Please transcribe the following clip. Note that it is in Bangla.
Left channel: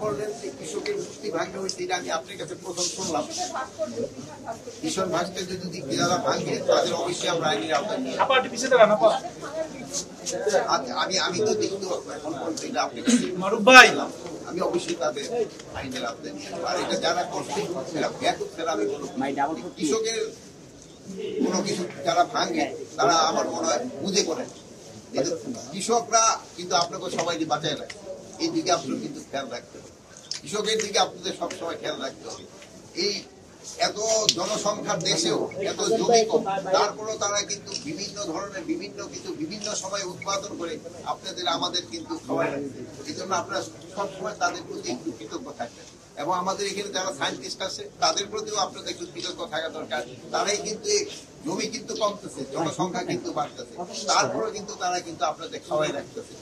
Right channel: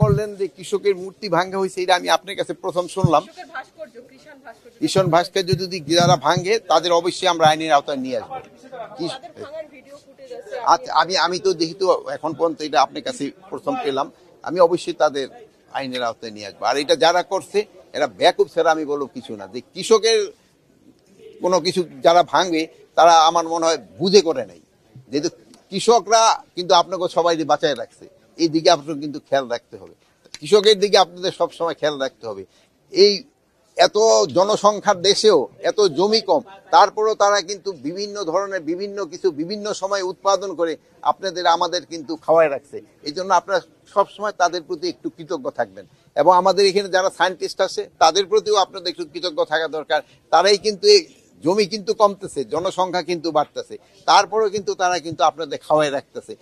করলেন যে কৃষকের মূর্তি ভাঙ্গা হয়েছে, এটা আমি আপনার কাছে প্রথম শুনলাম। ঈশান ভাস্কর্য যদি যারা ভাঙ্গে তাদের অবশ্যই আমরা আইনের আওতায় নিয়ে আমি তো যেহেতু এখন পর্যন্ত এটা আপনার কাছে বললাম, আমি অবশ্যই তাদের আইনের আওতায় নিয়ে আসবো। আর এটা যারা করছে এরা ব্যাকুব ছাড়া আমি বলবো কৃষকের কোনো কিছু যারা ভাঙে তারা আমার মনে হয় বুঝে করে নেয়। যেহেতু কৃষকরা কিন্তু আপনাকে সবাই বাঁচায় রাখছে, এই দিকে আপনার কিন্তু খেয়াল রাখতে হবে, কৃষকের দিকে আপনাদের সবসময় খেয়াল রাখতে হবে। এই এত জনসংখ্যার দেশেও এত জমি কম, তারপরেও তারা কিন্তু বিভিন্ন ধরনের বিভিন্ন কিছু বিভিন্ন সময় উৎপাদন করে আপনাদের আমাদের কিন্তু খাওয়ায় রাখছে। এই জন্য আপনারা সবসময় তাদের প্রতি একটু কৃতজ্ঞ থাকবেন, এবং আমাদের এখানে যারা সায়েন্টিস্ট আছে তাদের প্রতিও আপনাদের একটু কৃতজ্ঞ থাকা দরকার। তারাই কিন্তু জমি কিন্তু কমতেছে, জনসংখ্যা কিন্তু বাড়তেছে, তারপরেও কিন্তু তারা কিন্তু আপনাদের খাওয়ায় রাখতেছে।